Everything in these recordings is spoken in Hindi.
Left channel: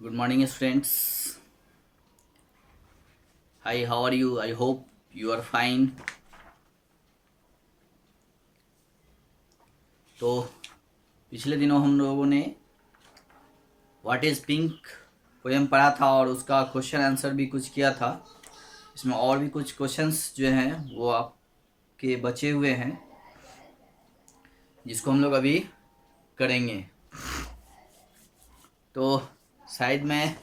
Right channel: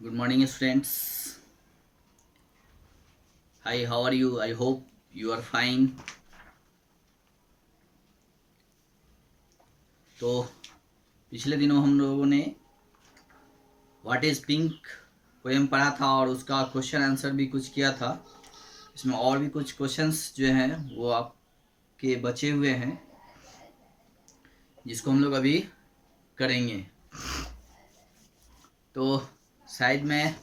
Good morning, students. Hi, how are you? I hope you are fine. तो पिछले दिनों हम लोगों ने व्हाट इज़ पिंक पोएम पढ़ा था और उसका क्वेश्चन आंसर भी कुछ किया था। इसमें और भी कुछ क्वेश्चंस जो हैं वो आपके बचे हुए हैं, जिसको हम लोग अभी करेंगे। तो शायद मैं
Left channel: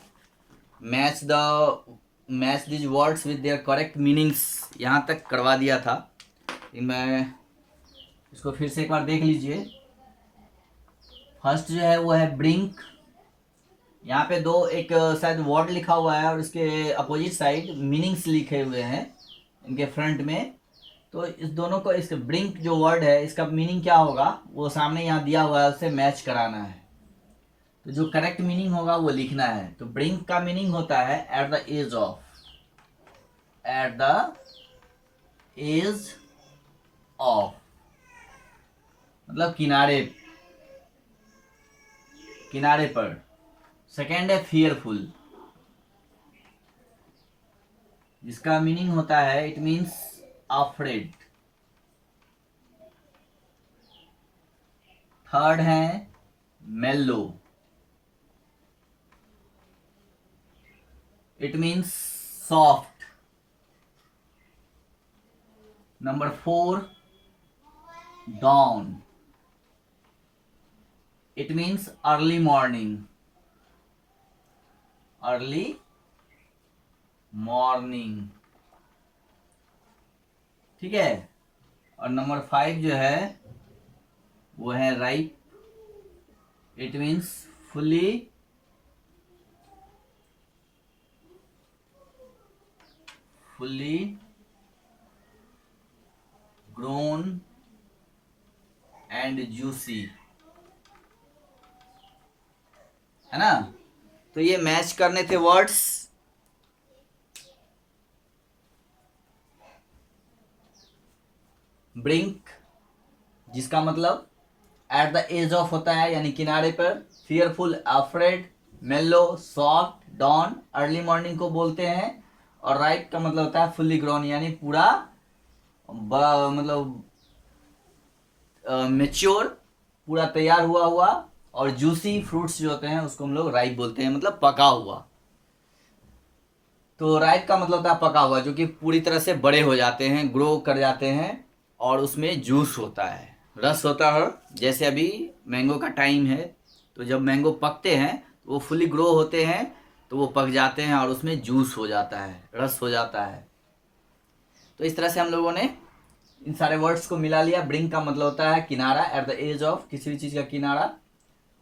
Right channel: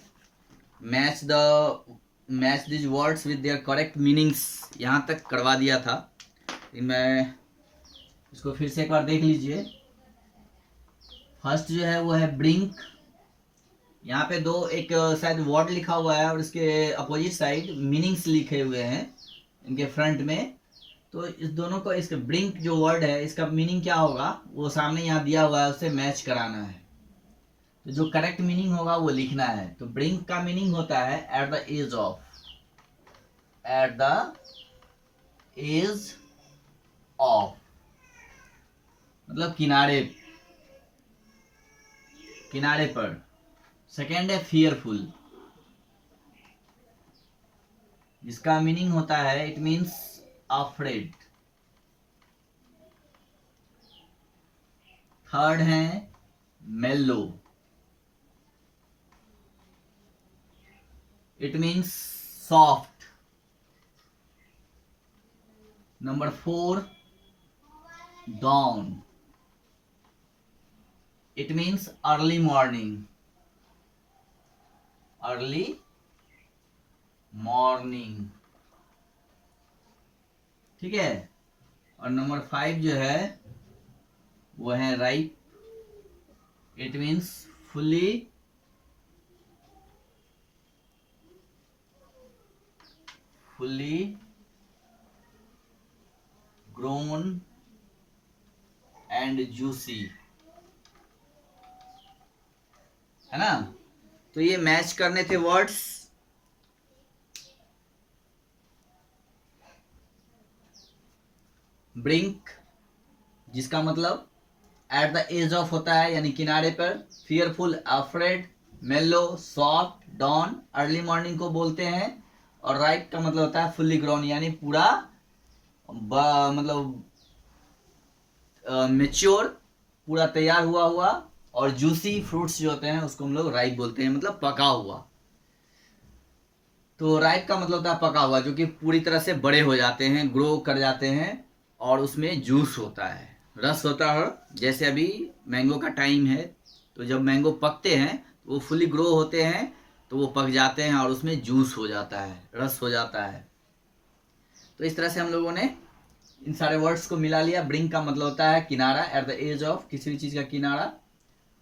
match these words with their correct meanings यहाँ तक करवा दिया था, लेकिन मैं इसको फिर से एक बार देख लीजिए। फर्स्ट जो है वो है ब्रिंक। यहाँ पे दो एक शायद वर्ड लिखा हुआ है और इसके अपोजिट साइड मीनिंग्स लिखे हुए हैं इनके फ्रंट में। तो इस दोनों को, इसके ब्रिंक जो वर्ड है इसका मीनिंग क्या होगा वो सामने यहाँ दिया हुआ है, उससे मैच कराना है। तो जो करेक्ट मीनिंग होगा वो लिखना है। तो ब्रिंक का मीनिंग होता है at the edge of, at the edge of मतलब किनारे, किनारे पर। सेकेंड है फियरफुल, जिसका मीनिंग होता है इट मीन्स अफ्रेड। थर्ड है mellow, it means soft. Number four dawn, it means early morning, early morning। ठीक है। और नंबर फाइव जो है वो है ripe, it means fully fully grown and juicy, है ना। तो ये मैच करने थे वर्ड्स। ब्रिंक जिसका मतलब एट द एज ऑफ होता है यानी किनारे पर, फियरफुल अफ्रेड, मेलो सॉफ्ट, डॉन अर्ली मॉर्निंग को बोलते हैं, और राइप का मतलब होता है फुल्ली ग्रोन यानी पूरा मतलब मेच्योर, पूरा तैयार हुआ हुआ। और जूसी फ्रूट्स जो होते हैं उसको हम लोग राइप बोलते हैं, मतलब पका हुआ। तो राइप का मतलब होता है पका हुआ, जो कि पूरी तरह से बड़े हो जाते हैं, ग्रो कर जाते हैं, और उसमें जूस होता है, रस होता है। जैसे अभी मैंगो का टाइम है, तो जब मैंगो पकते हैं तो वो फुली ग्रो होते हैं, तो वो पक जाते हैं और उसमें जूस हो जाता है, रस हो जाता है। तो इस तरह से हम लोगों ने इन सारे वर्ड्स को मिला लिया। ब्रिंक का मतलब होता है किनारा, एट द एज ऑफ, किसी भी चीज़ का किनारा।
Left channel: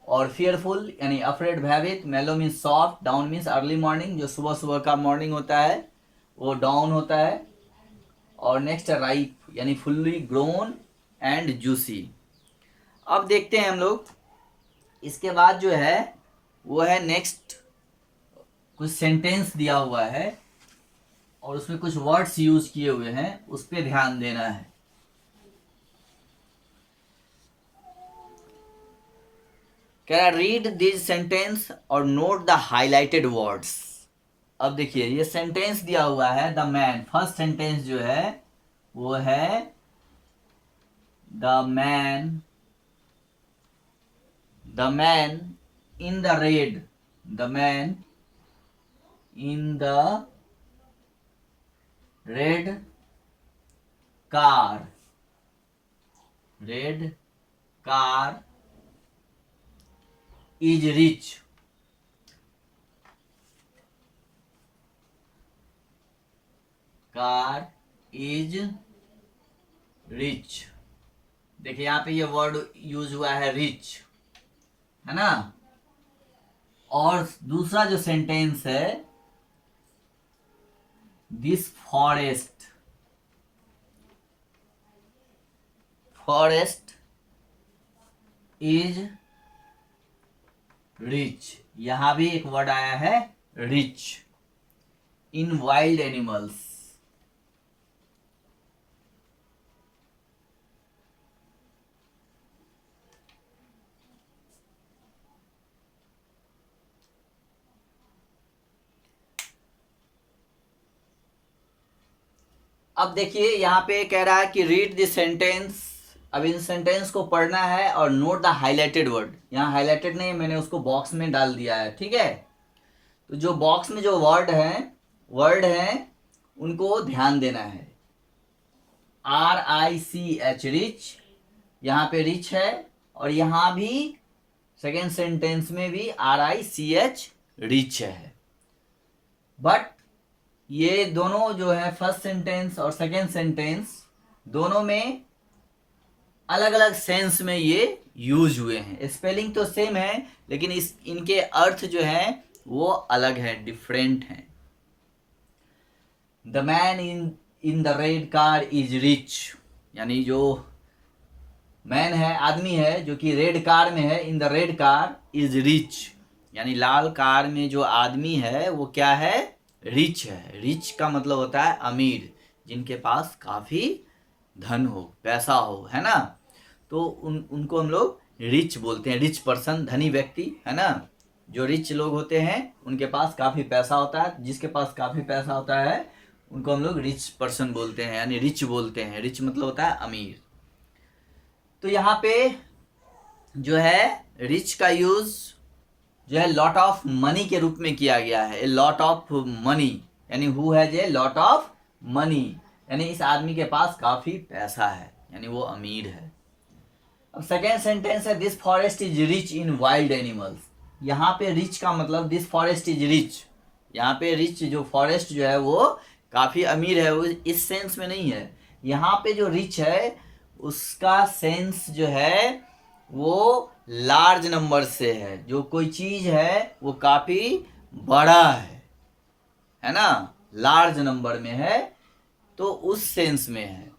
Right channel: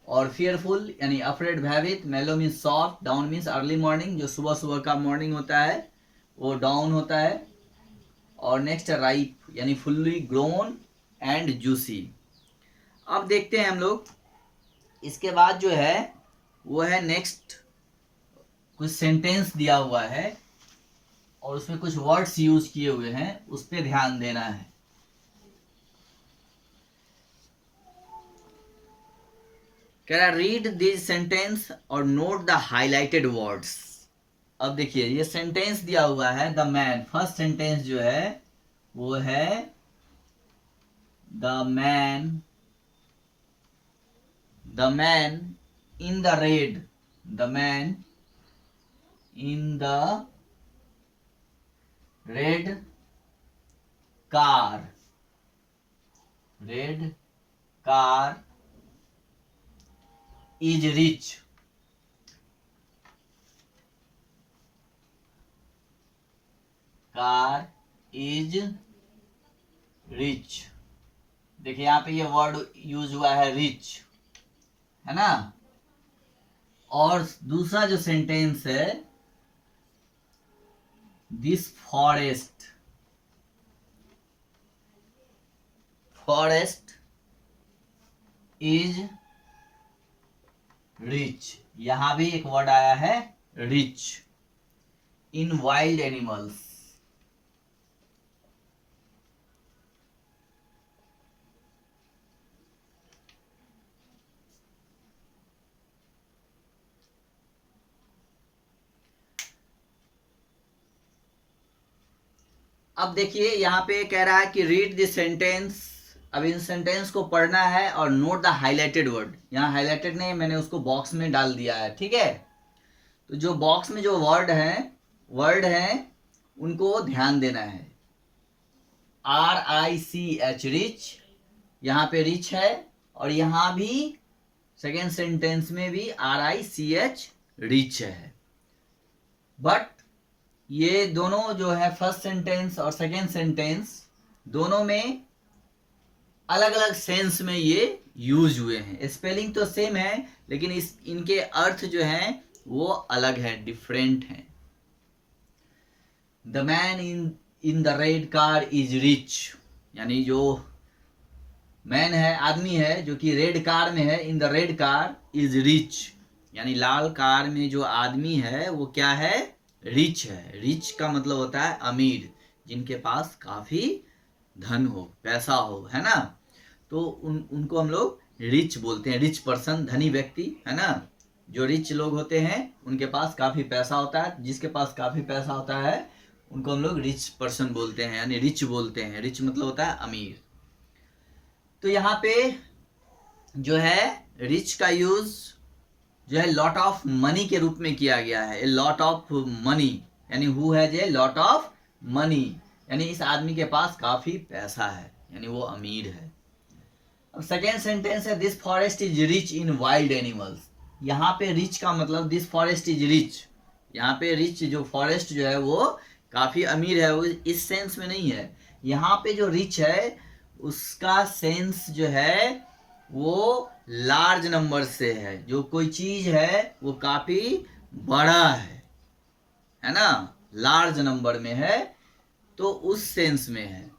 और फियरफुल यानी अफ्रेड, भयभीत। मेलो means soft, down means early morning, जो सुबह सुबह का मॉर्निंग होता है वो डाउन होता है। और नेक्स्ट राइप यानी फुल्ली ग्रोन एंड जूसी। अब देखते हैं हम लोग, इसके बाद जो है वो है नेक्स्ट, कुछ सेंटेंस दिया हुआ है और उसमें कुछ वर्ड्स यूज किए हुए हैं, उस पर ध्यान देना है। कह रहा रीड दिस सेंटेंस और नोट द हाईलाइटेड वर्ड्स। अब देखिए ये सेंटेंस दिया हुआ है द मैन। फर्स्ट सेंटेंस जो है वो है the man, the man in the red, the man in the red car, red car is rich, car is rich. देखिए यहाँ पे ये वर्ड यूज हुआ है रिच, है ना। और दूसरा जो सेंटेंस है, this forest, forest is rich. यहां भी एक वर्ड आया है रिच, इन वाइल्ड एनिमल्स। अब देखिए यहाँ पे कह रहा है कि रीड दिस सेंटेंस। अब इन सेंटेंस को पढ़ना है और नोट द हाईलाइटेड वर्ड। यहाँ हाईलाइटेड नहीं, मैंने उसको बॉक्स में डाल दिया है, ठीक है। तो जो बॉक्स में जो वर्ड हैं उनको ध्यान देना है। RICH, रिच, यहाँ पे रिच है, और यहाँ भी सेकेंड सेंटेंस में भी RICH, रिच है। बट ये दोनों जो है फर्स्ट सेंटेंस और सेकेंड सेंटेंस दोनों में अलग अलग सेंस में ये यूज हुए हैं। स्पेलिंग तो सेम है, लेकिन इनके अर्थ जो हैं वो अलग है, डिफरेंट हैं। The man in the red car is rich, यानी जो मैन है, आदमी है जो कि रेड कार में है, in the red car is rich, यानी लाल कार में जो आदमी है वो क्या है, रिच है। रिच का मतलब होता है अमीर, जिनके पास काफ़ी धन हो, पैसा हो, है ना। तो उनको हम लोग रिच बोलते हैं, रिच पर्सन, धनी व्यक्ति, है ना। जो रिच लोग होते हैं उनके पास काफ़ी पैसा होता है, जिसके पास काफ़ी पैसा होता है उनको हम लोग रिच पर्सन बोलते हैं, यानी रिच बोलते हैं। रिच मतलब होता है अमीर। तो यहाँ पे जो है रिच का यूज जो है लॉट ऑफ मनी के रूप में किया गया है। ए लॉट ऑफ मनी, यानी who has a lot of money, यानी इस आदमी के पास काफ़ी पैसा है, यानी वो अमीर है। अब सेकेंड सेंटेंस है this forest is rich in wild animals. यहाँ पे रिच का मतलब दिस फॉरेस्ट इज रिच, यहाँ पे रिच जो फॉरेस्ट जो है वो काफ़ी अमीर है, वो इस सेंस में नहीं है। यहाँ पे जो रिच है उसका सेंस जो है वो लार्ज नंबर से है, जो कोई चीज़ है वो काफ़ी बड़ा है ना, लार्ज नंबर में है, तो उस सेंस में है।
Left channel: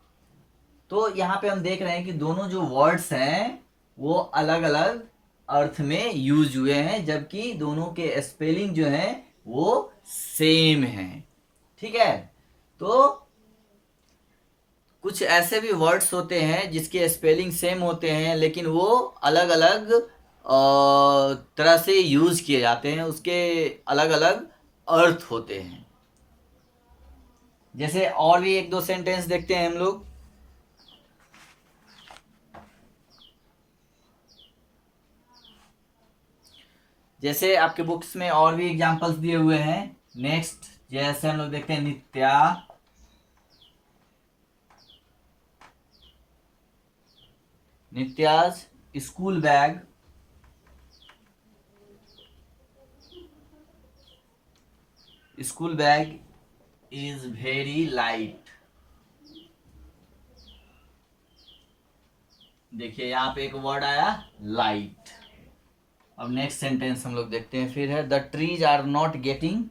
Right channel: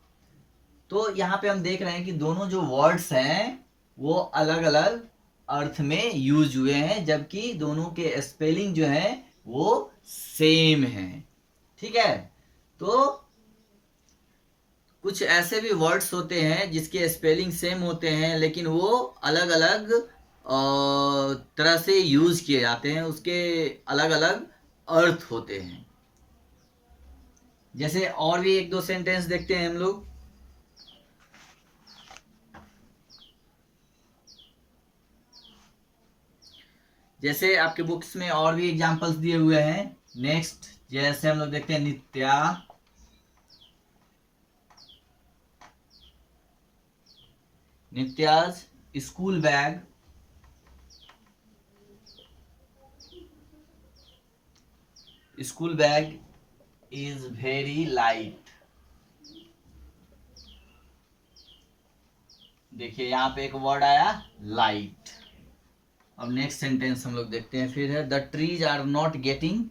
तो यहाँ पे हम देख रहे हैं कि दोनों जो वर्ड्स हैं वो अलग अलग अर्थ में यूज हुए हैं, जबकि दोनों के स्पेलिंग जो है वो सेम है, ठीक है। तो कुछ ऐसे भी वर्ड्स होते हैं जिसके स्पेलिंग सेम होते हैं, लेकिन वो अलग अलग तरह से यूज किए जाते हैं, उसके अलग अलग अर्थ होते हैं। जैसे और भी एक दो सेंटेंस देखते हैं हम लोग। जैसे आपके बुक्स में और भी एग्जांपल्स दिए हुए हैं। नेक्स्ट जैसे हम लोग देखते हैं Nitya's school bag is very light. देखिए यहाँ पे एक वर्ड आया लाइट। अब नेक्स्ट सेंटेंस हम लोग देखते हैं, फिर है the trees are not getting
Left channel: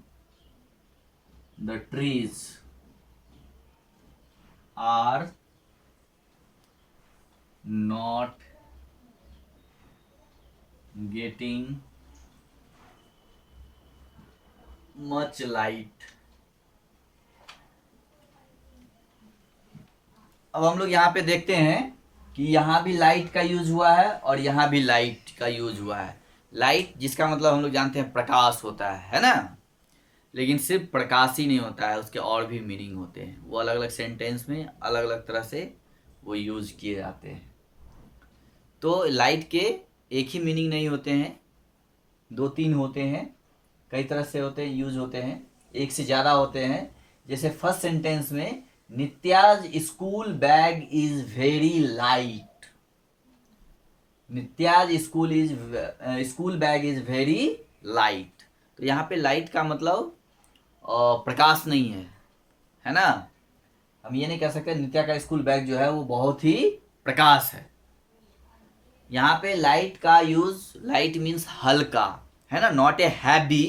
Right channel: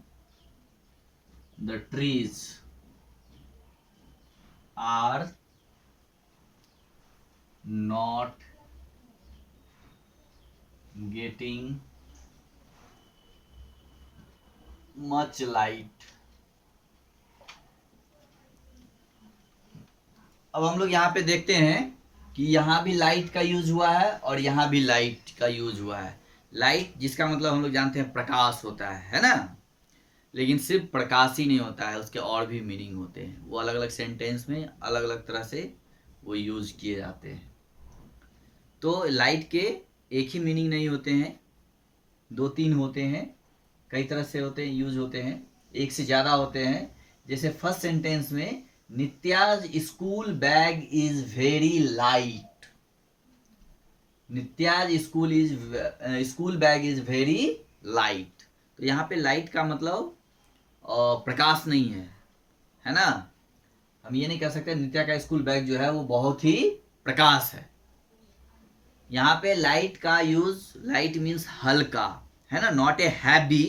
much light. अब हम लोग यहाँ पे देखते हैं कि यहाँ भी लाइट का यूज हुआ है और यहाँ भी लाइट का यूज हुआ है। लाइट जिसका मतलब हम लोग जानते हैं प्रकाश होता है ना, लेकिन सिर्फ प्रकाश ही नहीं होता है, उसके और भी मीनिंग होते हैं। वो अलग अलग सेंटेंस में अलग अलग तरह से वो यूज किए जाते हैं। तो लाइट के एक ही मीनिंग नहीं होते हैं, दो तीन होते हैं, कई तरह से होते हैं, यूज होते हैं, एक से ज़्यादा होते हैं। जैसे फर्स्ट सेंटेंस में Nitya's school bag is very light. Nitya's school bag is very light. तो यहाँ पे लाइट का मतलब प्रकाश नहीं है ना। हम ये नहीं कह सकते नित्या का स्कूल बैग जो है वो बहुत ही प्रकाश है। यहाँ पे लाइट का यूज, लाइट मीन्स हल्का, है ना, नॉट ए हैवी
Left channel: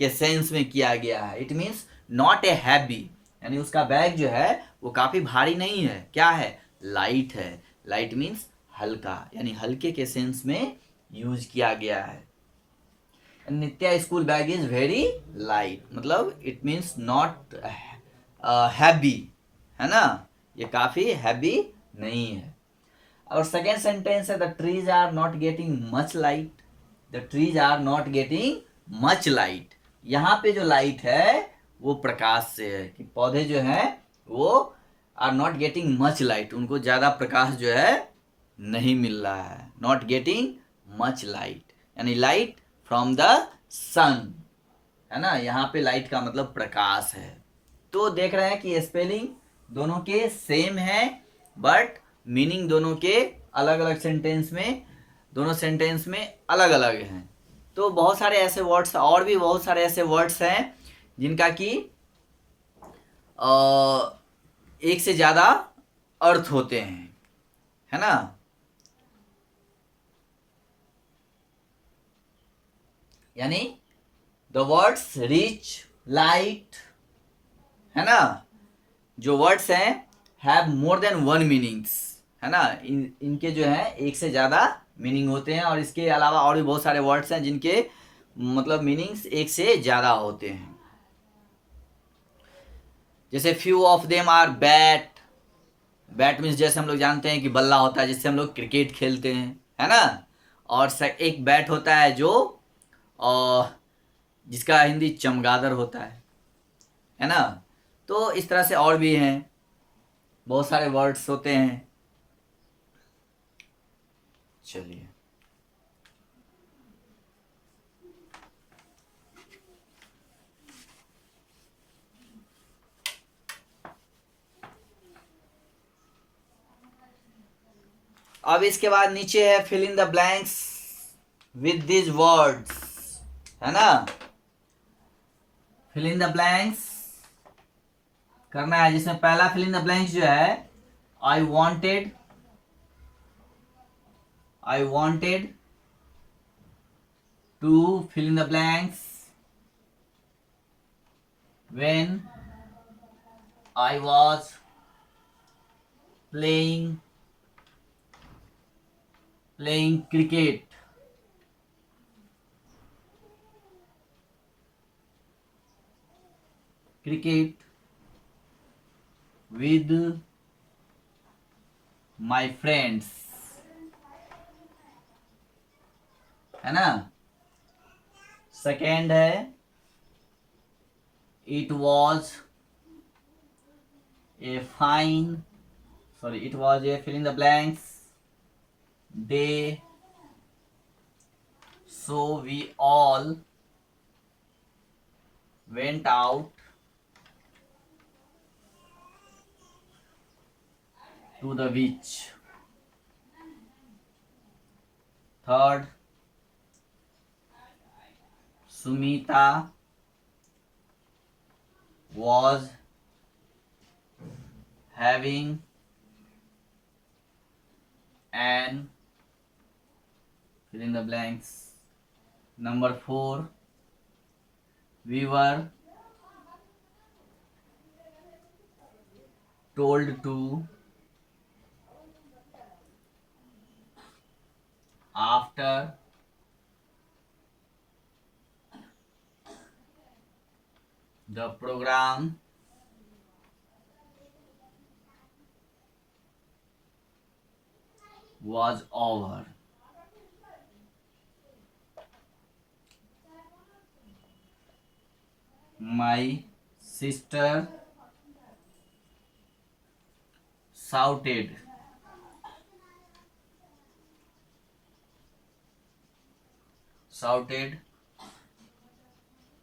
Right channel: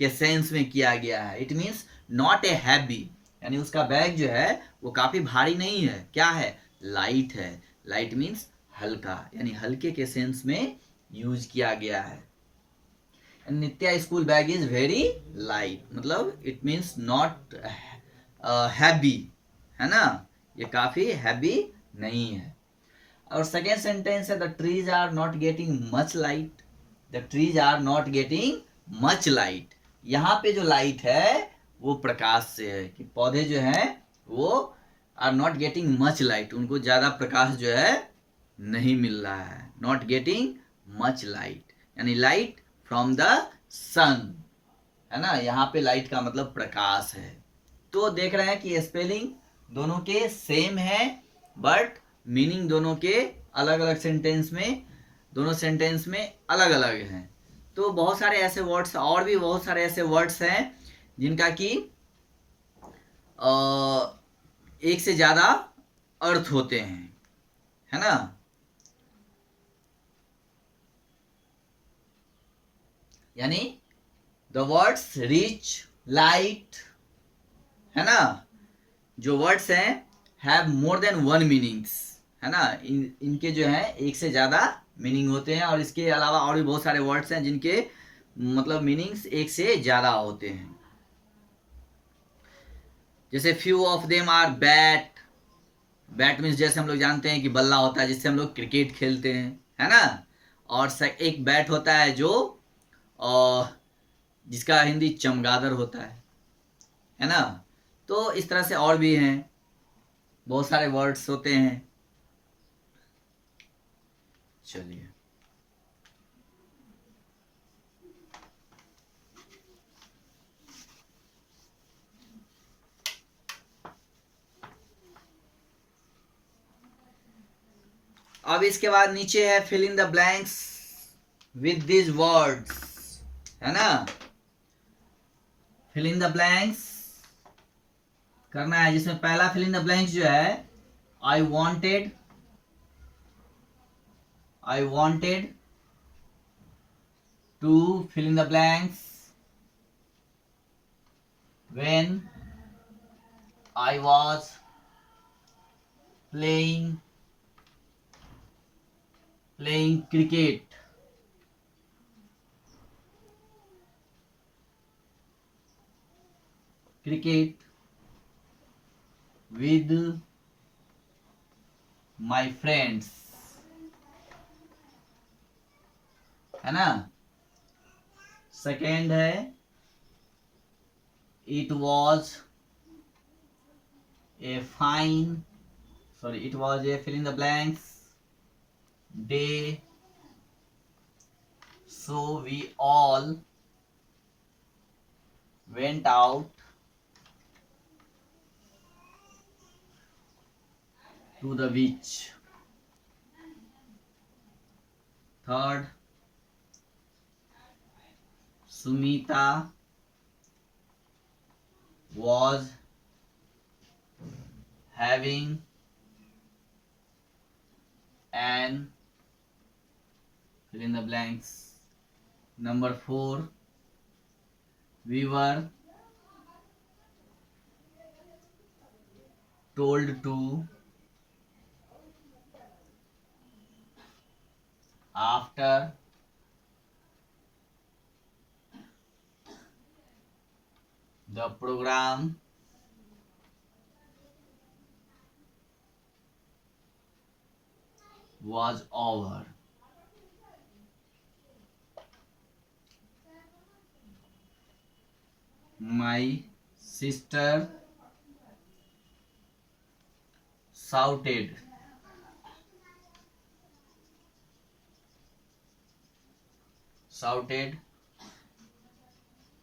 के सेंस में किया गया है। It means not a heavy, यानी उसका बैग जो है वो काफ़ी भारी नहीं है, क्या है, लाइट है। लाइट मीन्स हल्का, यानी हल्के के सेंस में यूज किया गया है। Nitya school bag is very light, मतलब इट मीन्स नॉट हैवी, है ना, ये काफ़ी हैवी नहीं है। और सेकेंड सेंटेंस है the trees are not getting much light. The trees are not getting much light. यहाँ पे जो लाइट है वो प्रकाश से है, कि पौधे जो हैं वो are not getting much light, उनको ज़्यादा प्रकाश जो है नहीं मिल रहा है, नॉट गेटिंग मच लाइट, यानी लाइट फ्रॉम द सन, है ना। यहाँ पे लाइट का मतलब प्रकाश है। तो देख रहे हैं कि स्पेलिंग दोनों के सेम है, बट मीनिंग दोनों के अलग अलग सेंटेंस में, दोनों सेंटेंस में अलग अलग हैं। तो बहुत सारे ऐसे वर्ड्स, और भी बहुत सारे ऐसे वर्ड्स हैं जिनका कि एक से ज़्यादा अर्थ होते हैं, है ना। यानी द वर्ड्स रिच, लाइट, है ना, जो वर्ड्स हैं have more than one meanings, है ना। इनके जो है एक से ज़्यादा मीनिंग होते हैं, और इसके अलावा और भी बहुत सारे वर्ड्स हैं जिनके मतलब मीनिंग्स एक से ज़्यादा होते हैं। जैसे few of them are bat, bat means जैसे हम लोग जानते हैं कि बल्ला होता है जिससे हम लोग क्रिकेट खेलते हैं, है ना। और एक बैट होता है जो जिसका हिंदी चमगादड़ होता है ना। तो इस तरह से और भी हैं, बहुत सारे वर्ड्स होते हैं। चलिए, अब इसके बाद नीचे है fill in the blanks with this words, है ना। फिल इन द ब्लैंक्स करना है, जिसमें पहला फिल इन द ब्लैंक्स जो है I wanted to fill in the blanks when I was playing cricket. With my friends, है ना। सेकेंड है it was a fill in the blanks day, so we all went out to the beach. Third, Sumita was having an fill in the blanks. Number 4, we were told to after the program was over. My sister shouted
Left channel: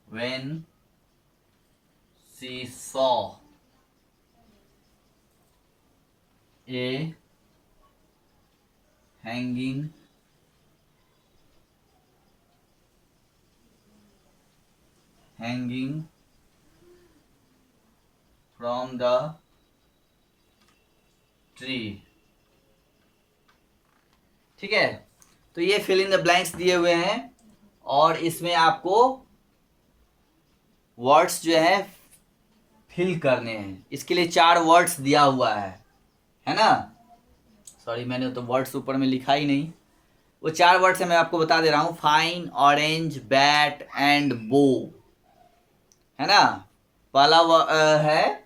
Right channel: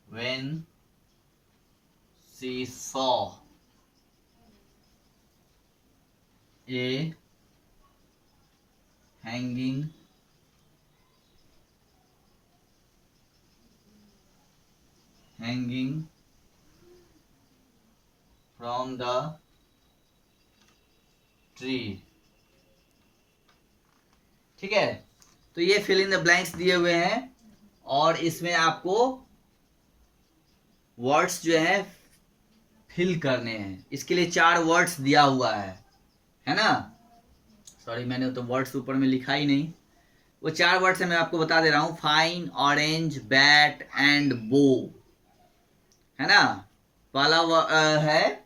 when she saw a hanging from the tree. ठीक है, तो ये फिल इन द ब्लैंक्स दिए हुए हैं, और इसमें आपको वर्ड्स जो है फिल करने हैं। इसके लिए 4 वर्ड्स दिया हुआ है ना। सॉरी, मैंने तो वर्ड्स ऊपर में लिखा ही नहीं, वो 4 वर्ड्स है, मैं आपको बता दे रहा हूँ। फाइन, ऑरेंज, बैट एंड बो, है ना। पहला है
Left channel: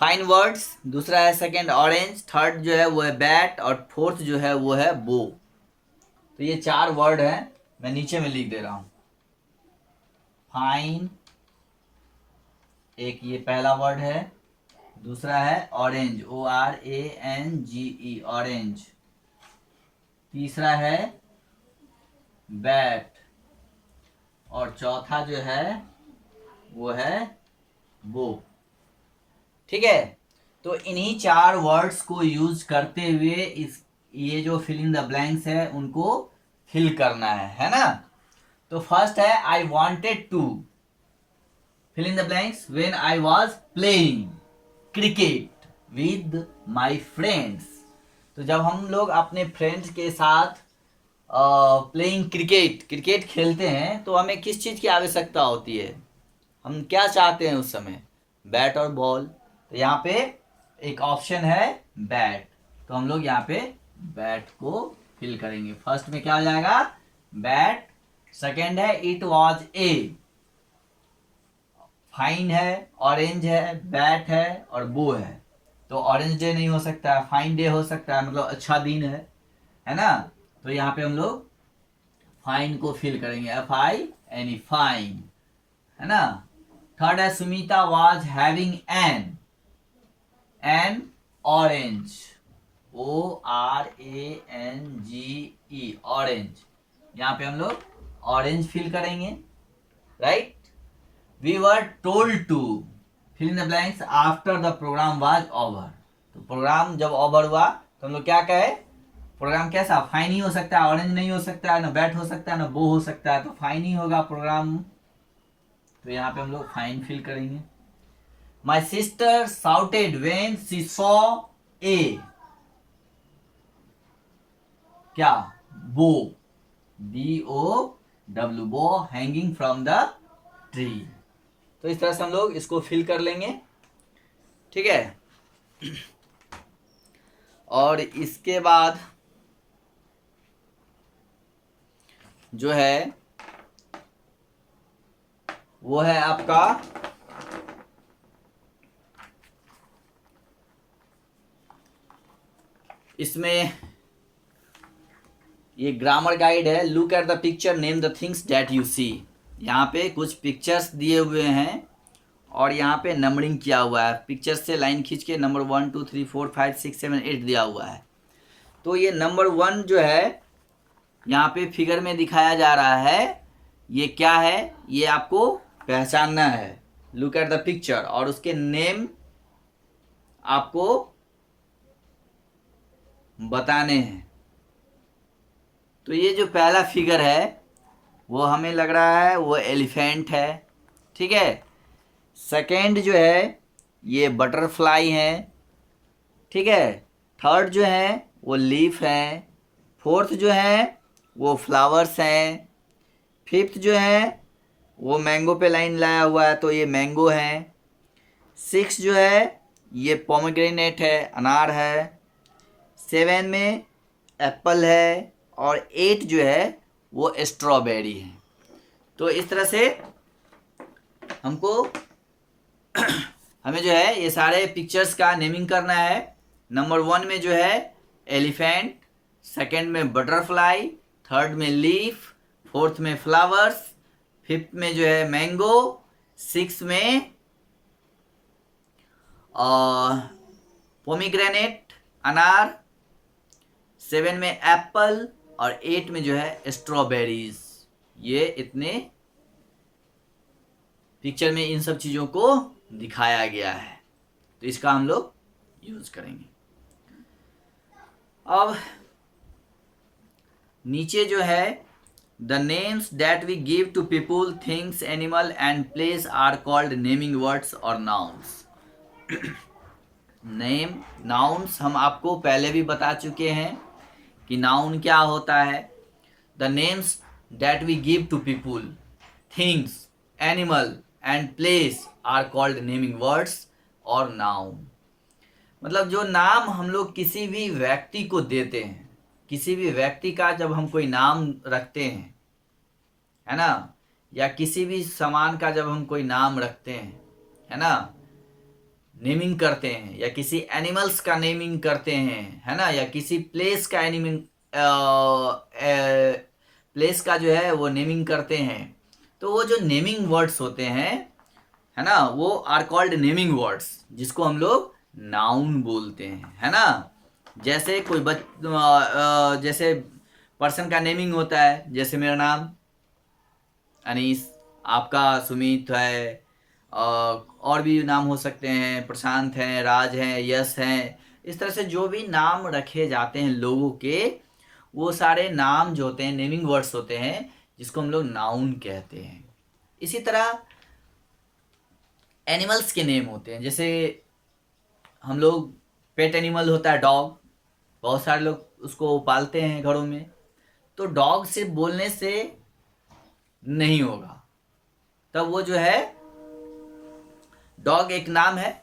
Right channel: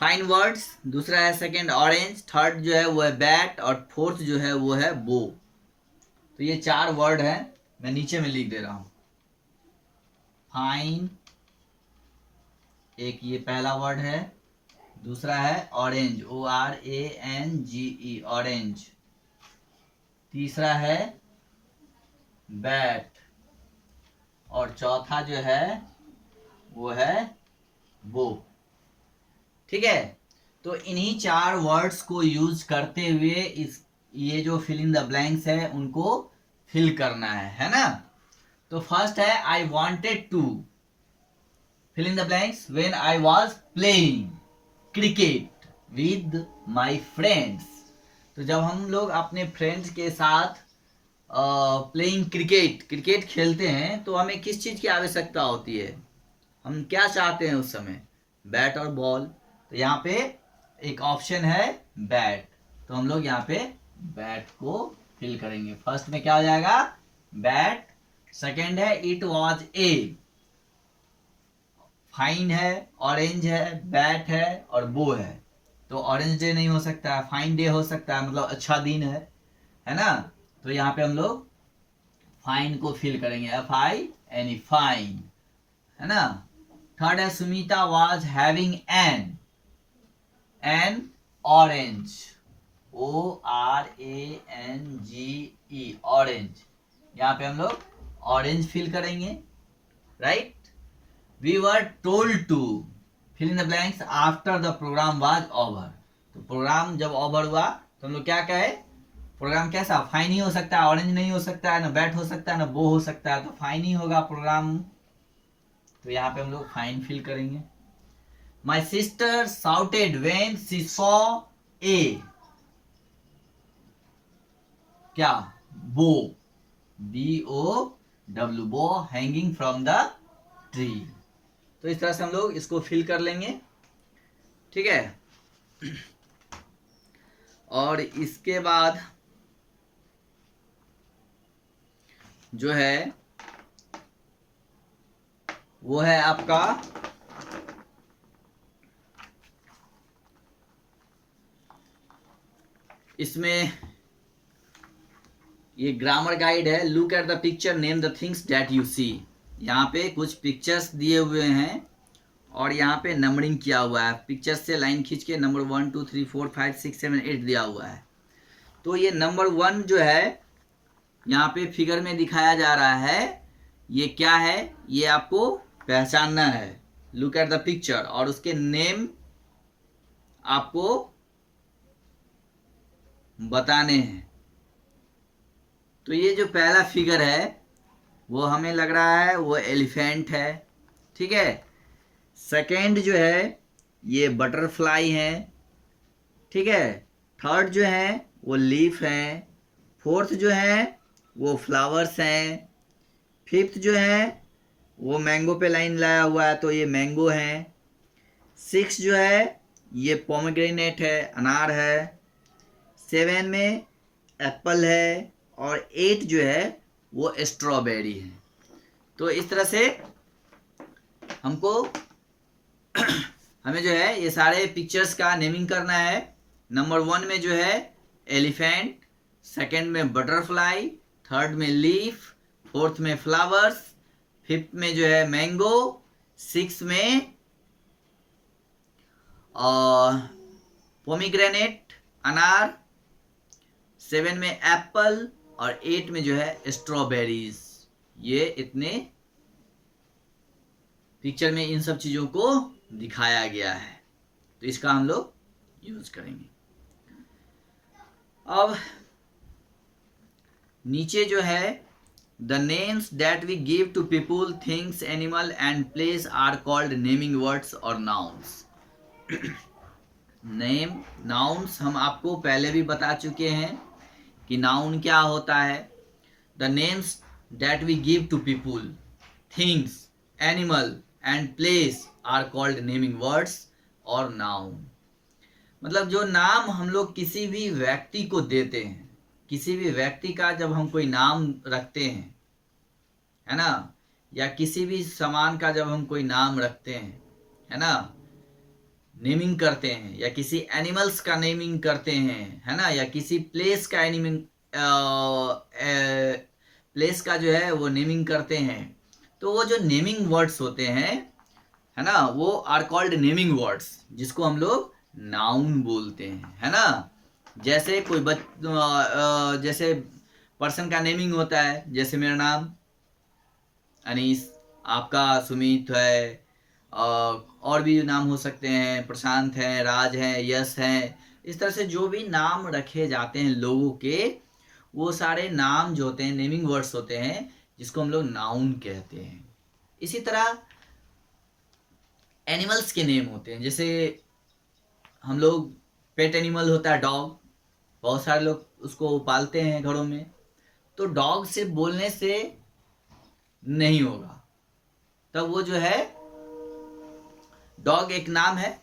फाइन वर्ड्स, दूसरा है सेकंड ऑरेंज, थर्ड जो है वो है बैट, और फोर्थ जो है वो है बो। तो ये 4 वर्ड हैं, मैं नीचे में लिख दे रहा हूं। फाइन एक ये पहला वर्ड है, दूसरा है ऑरेंज, ORANGE, ऑरेंज। तीसरा है बैट, और चौथा जो है वो है वो। ठीक है, तो इन्हीं 4 वर्ड्स को यूज करते हुए इस ये जो फिल इन द ब्लैंक्स है उनको फिल करना है ना। तो फर्स्ट है I wanted to fill in the blanks when I was playing cricket with my friends. तो जब हम लोग अपने फ्रेंड्स के साथ प्लेइंग क्रिकेट खेलते हैं तो हमें किस चीज़ की आवश्यकता होती है, हम क्या चाहते हैं उस समय, बैट और बॉल। तो यहाँ पे एक ऑप्शन है बैट, तो हम लोग यहाँ पे बैट को फिल करेंगे। फर्स्ट में क्या हो जाएगा, बैट। सेकंड है इट वाज ए, फाइन है, ऑरेंज है, बैट है और बो है। तो ऑरेंज डे नहीं हो सकता है, फाइन डे हो सकता है, मतलब अच्छा दिन है ना। तो यहाँ पे हम लोग फाइन को फिल करेंगे, FINE, फाइन, है ना। थर्ड है Sumita was having an orange, ORANGE, orange. यहाँ पे हम लोग ऑरेंज फिल करेंगे, right. We were told to fill in the blanks after the programme was over. तो प्रोग्राम जब ओवर हुआ तो हम लोग क्या कहे, प्रोग्राम कैसा, फाइन ही हो सकता है, ऑरेंज नहीं हो सकता है, ना बैट हो सकता है, ना बो हो सकता है, तो फाइन ही होगा प्रोग्राम। तो यहाँ पे हम लोग फाइन फिल करेंगे। My sister shouted when she saw a, क्या, बो, BOW, बो हैंगिंग फ्रॉम द ट्री। तो इस तरह से हम लोग इसको फिल कर लेंगे, ठीक है। और इसके बाद जो है वो है आपका इसमें ये ग्रामर गाइड है। Look at the picture, name the things that you see. यहाँ पे कुछ पिक्चर्स दिए हुए हैं और यहाँ पे नंबरिंग किया हुआ है, पिक्चर से लाइन खींच के नंबर 1 2 3 4 5 6 7 8 दिया हुआ है। तो ये नंबर 1 जो है यहाँ पे फिगर में दिखाया जा रहा है, ये क्या है, ये आपको पहचानना है। लुक एट द पिक्चर, और उसके नेम आपको बताने हैं। तो ये जो पहला फिगर है वो हमें लग रहा है वो एलिफेंट है, ठीक है। सेकेंड जो है ये बटरफ्लाई है, ठीक है। थर्ड जो है वो लीफ है। फोर्थ जो है वो फ्लावर्स हैं। फिफ्थ जो है वो मैंगो पे लाइन लाया हुआ है, तो ये मैंगो है। सिक्स जो है ये पोमेग्रेनेट है, अनार है। 7 में एप्पल है, और 8 जो है वो स्ट्रॉबेरी है। तो इस तरह से हमको हमें जो है ये सारे पिक्चर्स का नेमिंग करना है। नंबर 1 में जो है एलिफेंट, सेकंड में बटरफ्लाई, थर्ड में लीफ, फोर्थ में फ्लावर्स, फिफ्थ में जो है मैंगो, सिक्स में पोमीग्रेनेट, अनार, 7 में एप्पल, और 8 में जो है स्ट्रॉबेरीज। ये इतने पिक्चर में इन सब चीज़ों को दिखाया गया है, तो इसका हम लोग यूज करेंगे। अब नीचे जो है the names that we give to people, things, animal and place are called naming words और नाउन्स। नेम, नाउन्स हम आपको पहले भी बता चुके हैं कि नाउन क्या होता है। The names that we give to people, things, animal and place are called naming words और नाउन। मतलब जो नाम हम लोग किसी भी व्यक्ति को देते हैं, किसी भी व्यक्ति का जब हम कोई नाम रखते हैं, है ना, या किसी भी सामान का जब हम कोई नाम रखते हैं, है ना, नेमिंग करते हैं, या किसी एनिमल्स का नेमिंग करते हैं, है ना, या किसी प्लेस का प्लेस का जो है वो नेमिंग करते हैं, तो वो जो नेमिंग वर्ड्स होते हैं है ना, वो आर कॉल्ड नेमिंग वर्ड्स, जिसको हम लोग नाउन बोलते हैं, है ना। जैसे कोई जैसे पर्सन का नेमिंग होता है, जैसे मेरा नाम अनीस, आपका सुमित है, और भी नाम हो सकते हैं, प्रशांत हैं, राज हैं, यश हैं। इस तरह से जो भी नाम रखे जाते हैं लोगों के, वो सारे नाम जो होते हैं नेमिंग वर्ड्स होते हैं, जिसको हम लोग नाउन कहते हैं। इसी तरह एनिमल्स के नेम होते हैं, जैसे हम लोग पेट एनिमल होता है डॉग, बहुत सारे लोग उसको पालते हैं घरों में। तो डॉग सिर्फ बोलने से नहीं होगा, तब वो जो है डॉग एक नाम है,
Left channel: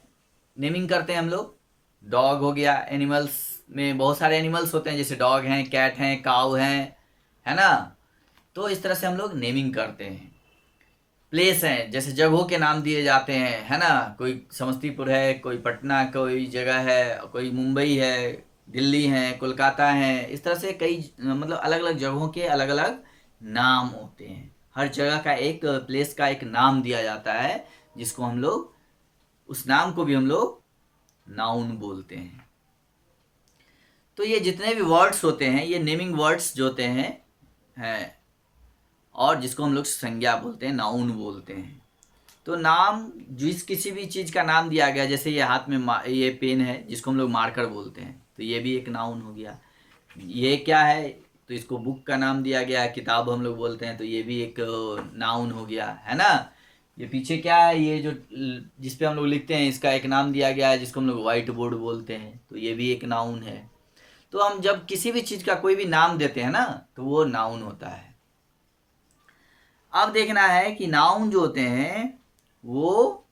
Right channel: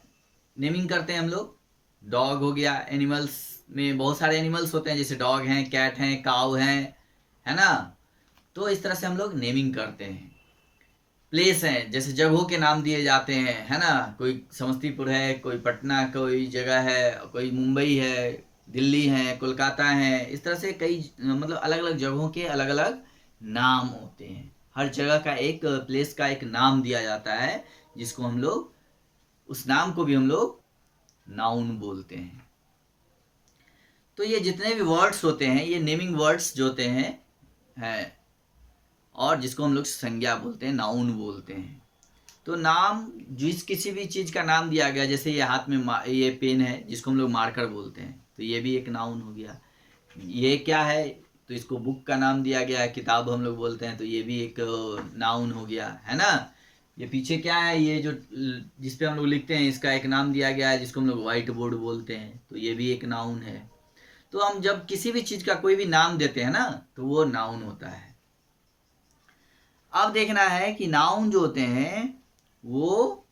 नेमिंग करते हैं हम लोग। डॉग हो गया, एनिमल्स में बहुत सारे एनिमल्स होते हैं, जैसे डॉग हैं, कैट हैं, काऊ हैं, है ना। तो इस तरह से हम लोग नेमिंग करते हैं। प्लेस हैं, जैसे जगहों के नाम दिए जाते हैं, है ना। कोई समस्तीपुर है, कोई पटना कोई जगह है, कोई मुंबई है, दिल्ली है, कोलकाता है। इस तरह से कई मतलब अलग अलग जगहों के अलग अलग नाम होते हैं। हर जगह का एक प्लेस का एक नाम दिया जाता है, जिसको हम लोग, उस नाम को भी हम लोग नाउन बोलते हैं। तो ये जितने भी वर्ड्स होते हैं, ये नेमिंग वर्ड्स जो होते हैं, और जिसको हम लोग संज्ञा बोलते हैं, नाउन बोलते हैं। तो नाम, जिस किसी भी चीज़ का नाम दिया गया, जैसे ये हाथ में ये पेन है, जिसको हम लोग मार्कर बोलते हैं, तो ये भी एक नाउन हो गया। ये क्या है, तो इसको बुक का नाम दिया गया है, किताब हम लोग बोलते हैं, तो ये भी एक नाउन हो गया, है ना। ये पीछे क्या है, ये जो जिस पे हम लोग लिखते हैं, इसका एक नाम दिया गया है, जिसको हम लोग व्हाइट बोर्ड बोलते हैं, तो ये भी एक नाउन है। तो हम जब किसी भी चीज़ का कोई भी नाम देते हैं ना, तो वो नाउन होता है। अब देखना है कि नाउन जो होते हैं, वो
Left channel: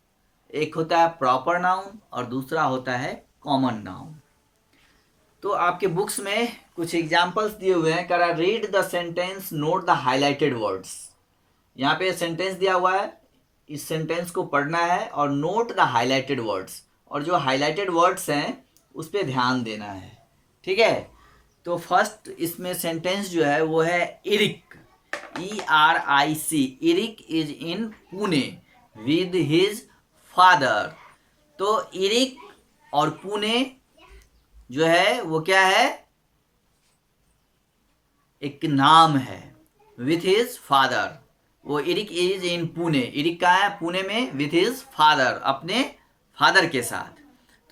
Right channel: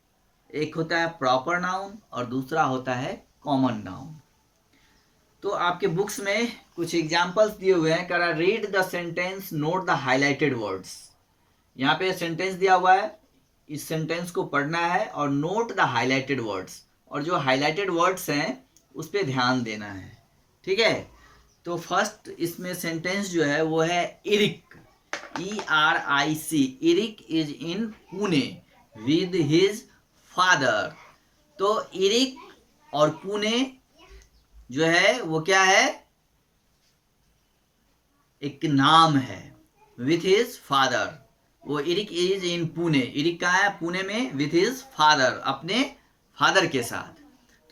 एक होता है प्रॉपर नाउन और दूसरा होता है कॉमन नाउन। तो आपके बुक्स में कुछ एग्जाम्पल्स दिए हुए हैं। करा read the sentence, note the highlighted words. यहाँ पे सेंटेंस दिया हुआ है, इस सेंटेंस को पढ़ना है और नोट द हाईलाइटेड वर्ड्स, और जो हाईलाइटेड वर्ड्स हैं उस पर ध्यान देना है, ठीक है। तो फर्स्ट इसमें सेंटेंस जो है वो है Eric, ERIC। Eric is in Pune with his father. तो इरिक और पुणे जो है वो क्या है, एक नाम है, विथ हिज फादर। वो Eric is in Pune, Eric का है पुणे में, विथ हिज फादर, अपने फादर के साथ।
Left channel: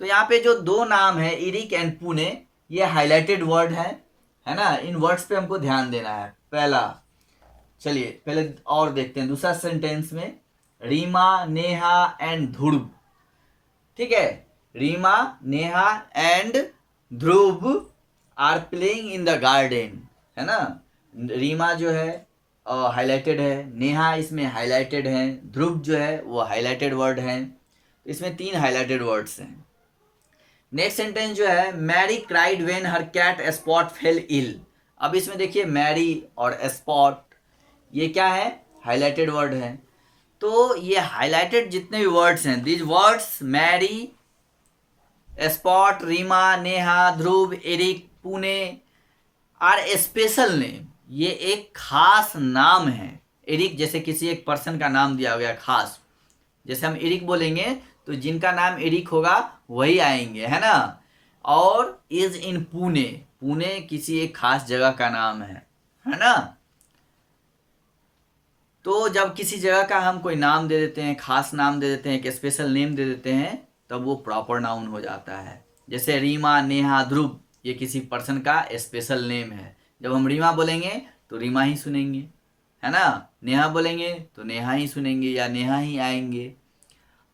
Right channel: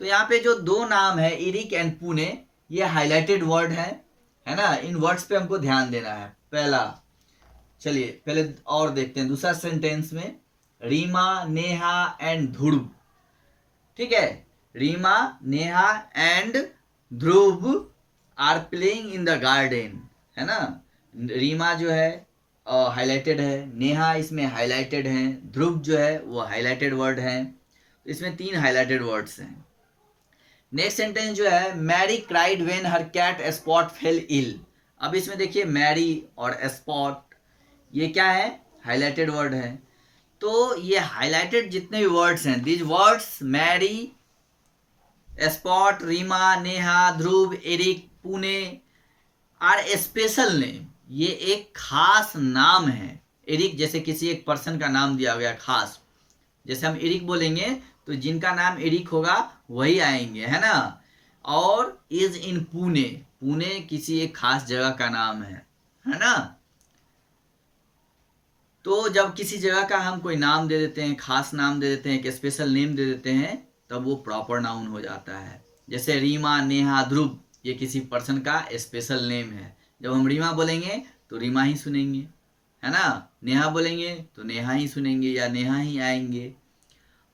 तो यहाँ पे जो दो नाम है, इरिक एंड पुणे, ये हाईलाइटेड वर्ड है ना। इन वर्ड्स पे हमको ध्यान देना है। पहला, चलिए पहले और देखते हैं दूसरा सेंटेंस में, रीमा, नेहा एंड ध्रुव, ठीक है। Reema, Neha and Dhruv are playing in the garden, है ना। रीमा जो है हाईलाइटेड है, नेहा इसमें हाईलाइटेड है, ध्रुव जो है वो हाईलाइटेड वर्ड है। इसमें 3 हाईलाइटेड वर्ड्स हैं। नेक्स्ट सेंटेंस जो है, Mary cried when her cat Spot fell ill. अब इसमें देखिए मैरी और स्पॉट, ये क्या है, हाईलाइटेड वर्ड है। तो ये हाईलाइटेड जितने भी वर्ड्स हैं, these words Mary, Spot, Reema, Neha, Dhruv, Eric, Pune are a special name. ये एक खास नाम है। एरिक जैसे किसी एक पर्सन का नाम दिया गया खास, जैसे हम एरिक बोलेंगे तो जिनका नाम एरिक होगा वही आएंगे, है ना। और इज इन पुणे, पुणे किसी एक खास जगह का नाम है ना। तो जब किसी जगह का हम कोई नाम दे देते हैं, खास नाम दे देते हैं, एक स्पेशल नेम दे देते हैं, तब वो प्रॉपर नाउन हो जाता है। जैसे रीमा, नेहा, ध्रुव, ये किसी पर्सन का स्पेशल नेम है। जब हम रीमा बोलेंगे तो रीमा ही सुनेंगे, है ना। नेहा बोलेंगे तो नेहा ही सुनेंगे या नेहा ही आएंगे।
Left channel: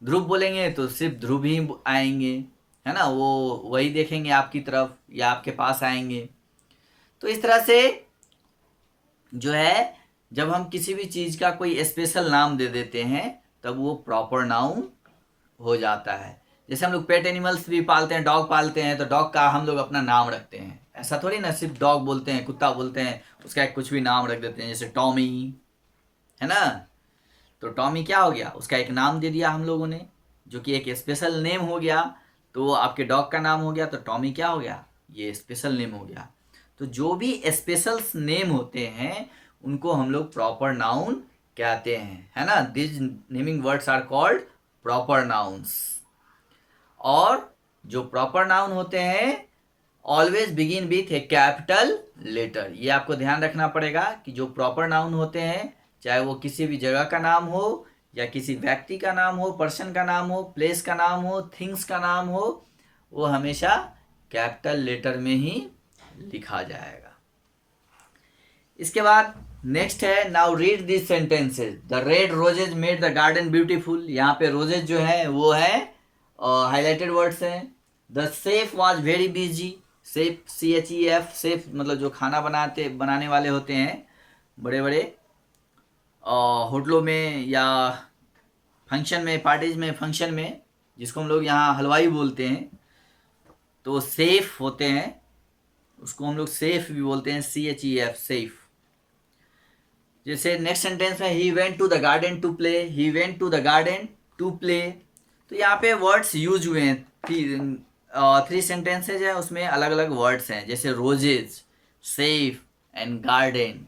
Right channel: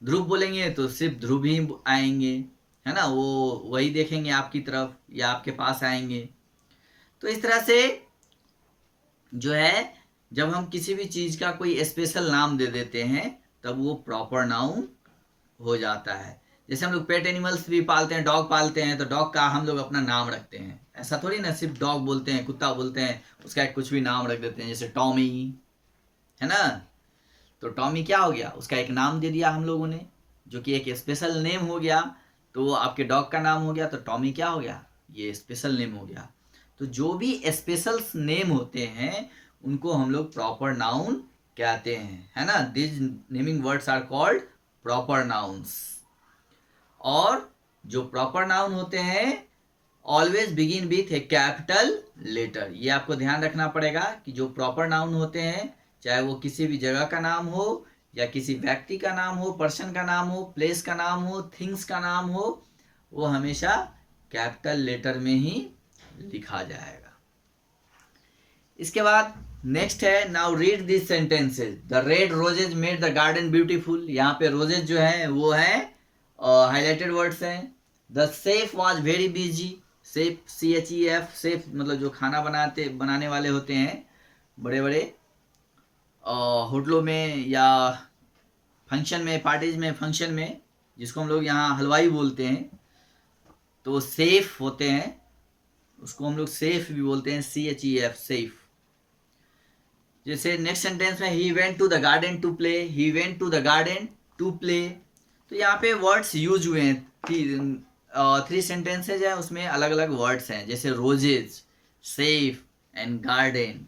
ध्रुव बोलेंगे तो सिर्फ ध्रुव ही आएंगे, है ना। वो वही देखेंगे आपकी तरफ या आपके पास आएंगे। तो इस तरह से जो है, जब हम किसी भी चीज़ का कोई स्पेशल नाम दे देते हैं, तब वो प्रॉपर नाउन हो जाता है। जैसे हम लोग पेट एनिमल्स भी पालते हैं, डॉग पालते हैं, तो डॉग का हम लोग अपना नाम रखते हैं। ऐसा थोड़ी ना सिर्फ डॉग बोलते हैं, कुत्ता बोलते हैं, उसका एक कुछ भी नाम रख देते हैं, जैसे टॉमी, है ना। तो टॉमी क्या हो गया, उसका एक नाम दे दिया हम लोगों ने, जो कि एक स्पेशल नेम हो गया। तो आपके डॉग का नाम हो गया, तो टॉमी क्या हो गया, ये स्पेशल नेम हो गया। तो जो भी स्पेशल नेम होते हैं उनको हम लोग प्रॉपर नाउन कहते हैं, है ना। This naming words are called proper nouns. और जो प्रॉपर नाउन होते हैं always begin with a capital letter. ये आपको ध्यान रखना पड़ेगा कि जो प्रॉपर नाउन होते हैं, चाहे वो किसी भी जगह का नाम हो या किसी व्यक्ति का नाम हो, पर्सन का नाम हो, प्लेस का नाम हो, थिंग्स का नाम हो, वो हमेशा कैपिटल लेटर में ही लिखा जाएगा। इसके बाद नेक्स्ट है, now read this sentences. The red roses made the garden beautiful. यहाँ पे रोजेज जो है वो है हाईलाइटेड वर्ड्स हैं। The chef was very busy. Chef CHEF, chef मतलब जो खाना बनाने वाले होते हैं बड़े बड़े होटलों में या फंक्शन में, पार्टीज में, फंक्शन में, जिसको हम लोग यहाँ हलवाई बोलते हैं, तो शेफ होते हैं, उसको हम लोग शेफ भी बोलते हैं, CHEF, शेफ। जैसे नेक्स्ट सेंटेंस में he went to the garden to play. He went to the garden to play. तो यहाँ पे वर्ड्स यूज हुए हैं, 3 सेंटेंसेज है, उसमें अलग अलग वर्ड्स हैं, जैसे रोजेज, सेफ एंड गार्डन।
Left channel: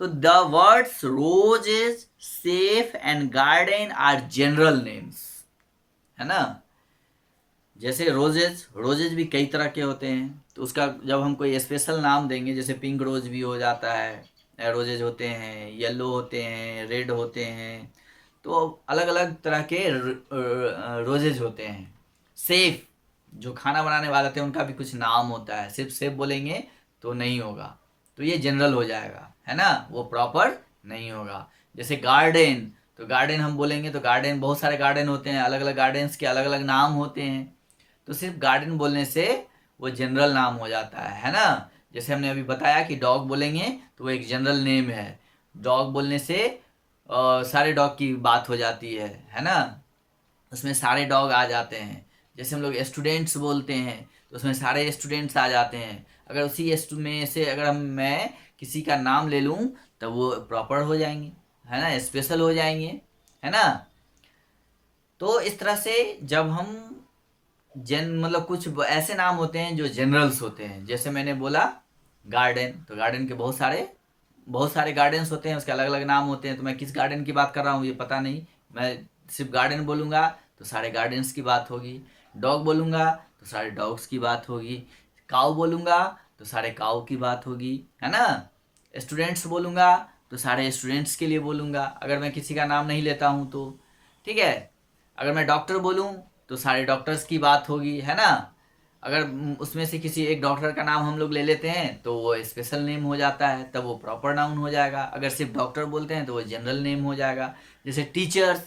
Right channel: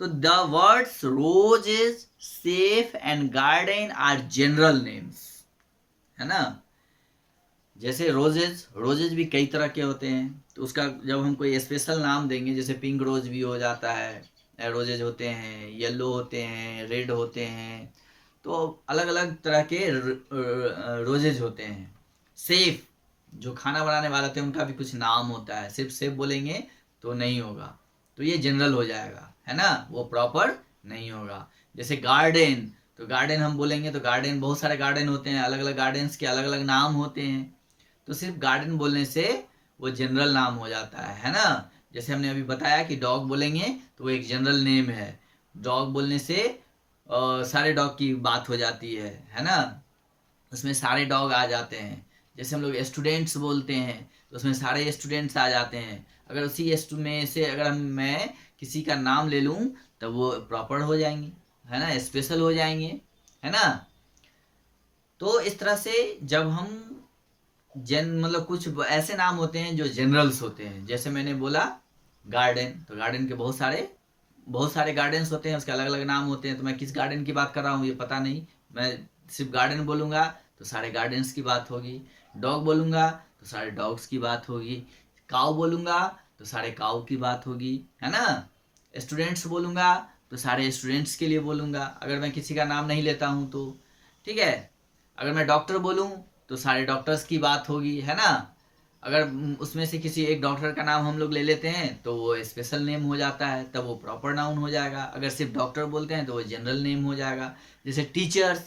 तो the words roses, chef and garden are general names, है ना। जैसे रोजेज भी कई तरह के होते हैं, तो उसका जब हम कोई स्पेशल नाम देंगे, जैसे पिंक रोज भी हो जाता है, रोजेज होते हैं, येलो होते हैं, रेड होते हैं, तो अलग अलग तरह के रोजेज होते हैं। सेफ जो खाना बनाने वाले थे उनका भी कुछ नाम होता है, सिर्फ सेफ बोलेंगे तो नहीं होगा, तो ये जनरल हो जाएगा, है ना, वो प्रॉपर नहीं होगा। जैसे गार्डन, तो गार्डन हम बोलेंगे तो गार्डन, बहुत सारे गार्डन होते हैं, अलग अलग गार्डन्स के अलग अलग नाम होते हैं, तो सिर्फ गार्डन बोलने से वो जनरल नाम हो जाता है ना। जैसे हमने अभी बताया कि डॉग बोलेंगे तो वो एक जनरल नेम है। डॉग बोलने से सारे डॉग की बात हो जाती है ना, उसमें सारे डॉग आ जाते हैं। जैसे हम लोग स्टूडेंट्स बोलते हैं तो उसमें सारे स्टूडेंट्स आ जाते हैं। अगर उसी में से अगर मैं किसी का नाम ले लूँ तो वो प्रॉपर हो जाएंगे, है ना, स्पेशल हो जाएंगे, है ना। तो इस तरह से जब हम मतलब कुछ ऐसे नाम होते हैं जो जनरल्स होते हैं, जैसे मैंने बोला गार्डन, तो गार्डन के बहुत सारे गार्डन्स होते हैं, उसके अलग अलग नाम होते हैं, तो मैं किस गार्डन की बात कर रहा हूँ ये पता नहीं, मैं सिर्फ गार्डन बोलूँगा तो सारे गार्डन्स की बात होगी। डॉग बोलूँगा तो सारे डॉग्स की बात होगी। काऊ बोलूँगा तो सारे काऊ की बात होगी, है ना। स्टूडेंट्स बोलूँगा तो सारे स्टूडेंट्स के लिए बोलूँगा, अगर मैं किसी का नाम नहीं लेता हूँ तो, ठीक है। अगर मैं डॉक्टर बोलूँ तो सारे डॉक्टर्स की बात होगी, है ना। अगर उसमें से किसी एक डॉक्टर का नाम हम लोग ले लेते हैं तो वो स्पेशल नेम हो जाता है, तब वो प्रॉपर नाउन हो जाएगा। अगर सिर्फ डॉक्टर बोलते हैं तो वो जनरल नेम हो जाएगा। जैसे टीचर्स,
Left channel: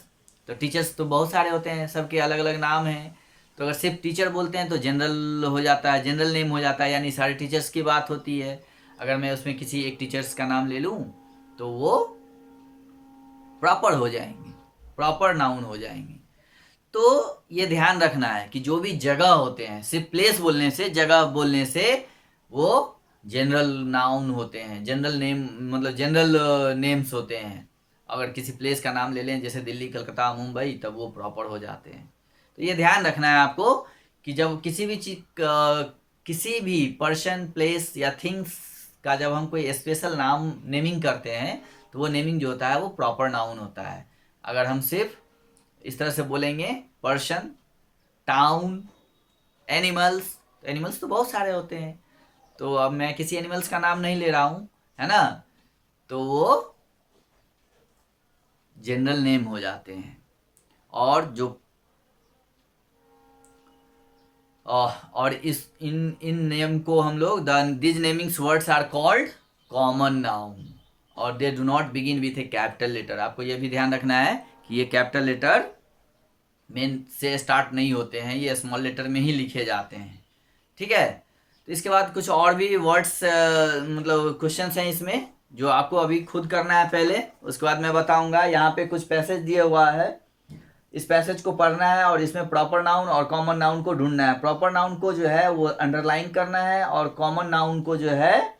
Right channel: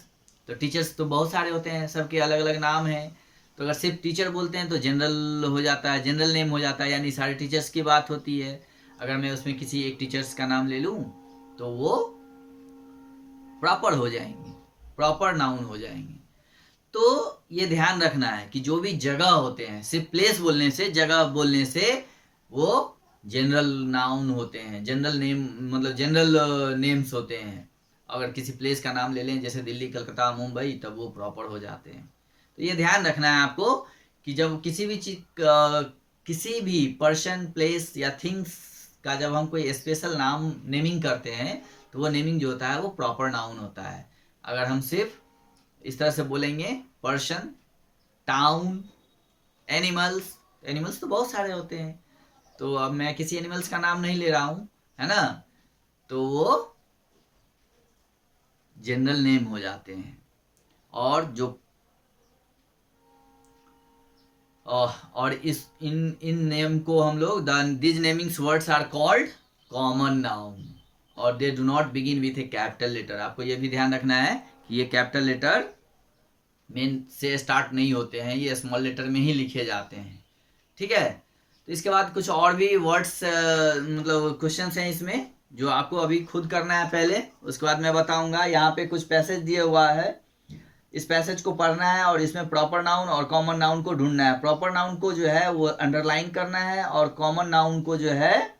तो टीचर्स तो बहुत सारे होते हैं, सबके अलग अलग नाम हैं, तो अगर सिर्फ टीचर बोलते हैं तो जनरल हो जाता है, जनरल नेम हो जाता है, यानी सारे टीचर्स की बात होती है। अगर मैं उसमें किसी एक टीचर्स का नाम ले लूँ तो वो प्रॉपर हो जाएंगे, प्रॉपर नाउन हो जाएंगे। तो ये ध्यान रखना है कि जो भी जगह होते हैं, सिर्फ प्लेस बोलने से, जगह बोलने से वो जनरल नाउन होते हैं, जनरल नेम मतलब जनरल नेम्स होते हैं। अगर किसी प्लेस का नाम ले लें जैसे दिल्ली, कलकत्ता, मुंबई, तब वो प्रॉपर हो जाते हैं। तो ये ध्यान रखना है आपको कि जब किसी भी चीज किसी भी पर्सन, प्लेस या थिंग्स का जब हम कोई स्पेशल नाम नेमिंग करते हैं तो वो नेमिंग जो होता है वो प्रॉपर नाउन होता है। अगर हम सिर्फ इस तरह से बोलेंगे पर्सन, टाउन, एनिमल्स तो बहुत सारे होते हैं, तो अब मैं किसी एनिमल्स का नाम नहीं ले रहा हूँ, है ना, तो वो जनरल नेम हो जाते हैं। और जो और इन नेम को हम लोग these namings words are called common noun और they do not begin with a capital letter. आपको ये भी ध्यान रखना है कि ये कैपिटल लेटर मेन से स्टार्ट नहीं होते हैं, ये स्मॉल लेटर में ही लिखे जाते हैं, ठीक है। तो इसके बाद कुछ और भी वर्ड्स मतलब क्वेश्चंस हैं इसमें जो आपको अभी खुद करना है पहले, उसके बाद मैं बताऊंगा। यहाँ पे कुछ पैसेज दिया हुआ है, इस पैसेज को पढ़ना है और इसमें प्रॉपर नाउन और कॉमन नाउन को ढूंढना है। प्रॉपर नाउन को जो है वो अंडरलाइन करना है और कॉमन नाउन को जो है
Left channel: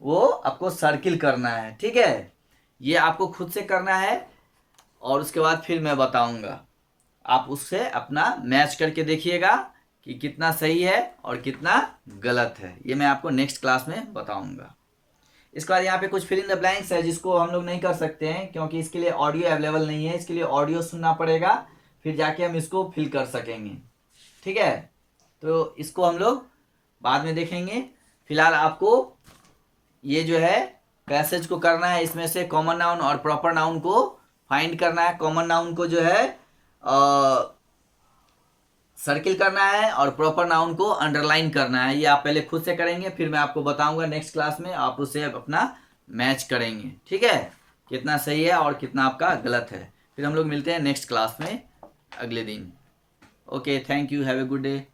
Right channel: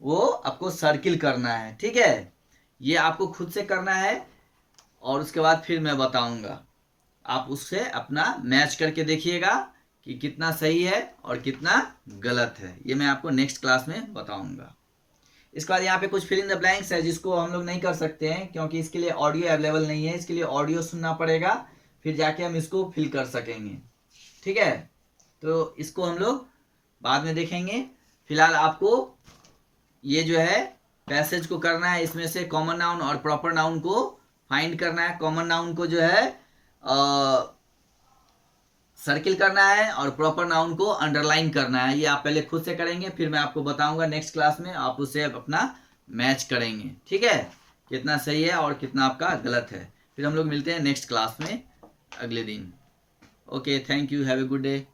वो आपको सर्किल करना है, ठीक है। ये आपको खुद से करना है और उसके बाद फिर मैं बताऊंगा, आप उससे अपना मैच करके देखिएगा कि कितना सही है और कितना गलत है, ये मैं आपको नेक्स्ट क्लास में बताऊंगा। इसके बाद यहाँ पे कुछ फिल इन द ब्लैंक्स है जिसको हम लोग नहीं कर सकते हैं क्योंकि इसके लिए ऑडियो अवेलेबल नहीं है, इसके लिए ऑडियो सुनना पड़ेगा, फिर जाके हम इसको फिल कर सकेंगे। ठीक है, तो इसको हम लोग बाद में देखेंगे। फिलहाल आपको ये जो है पैसेज को करना है, इसमें से कॉमन नाउन और प्रॉपर नाउन को फाइंड करना है। कॉमन नाउन को जो है सर्किल करना है और प्रॉपर नाउन को अंडरलाइन करना है। ये आप पहले खुद से करेंगे, फिर मैं आपको बताऊंगा नेक्स्ट क्लास में, आप उसे अपना मैच करेंगे। ठीक है, कितना सही है और कितना आपका गलत है। फिर हम लोग मिलते हैं नेक्स्ट क्लास में अगले दिन। Okay, thank you, have a good day.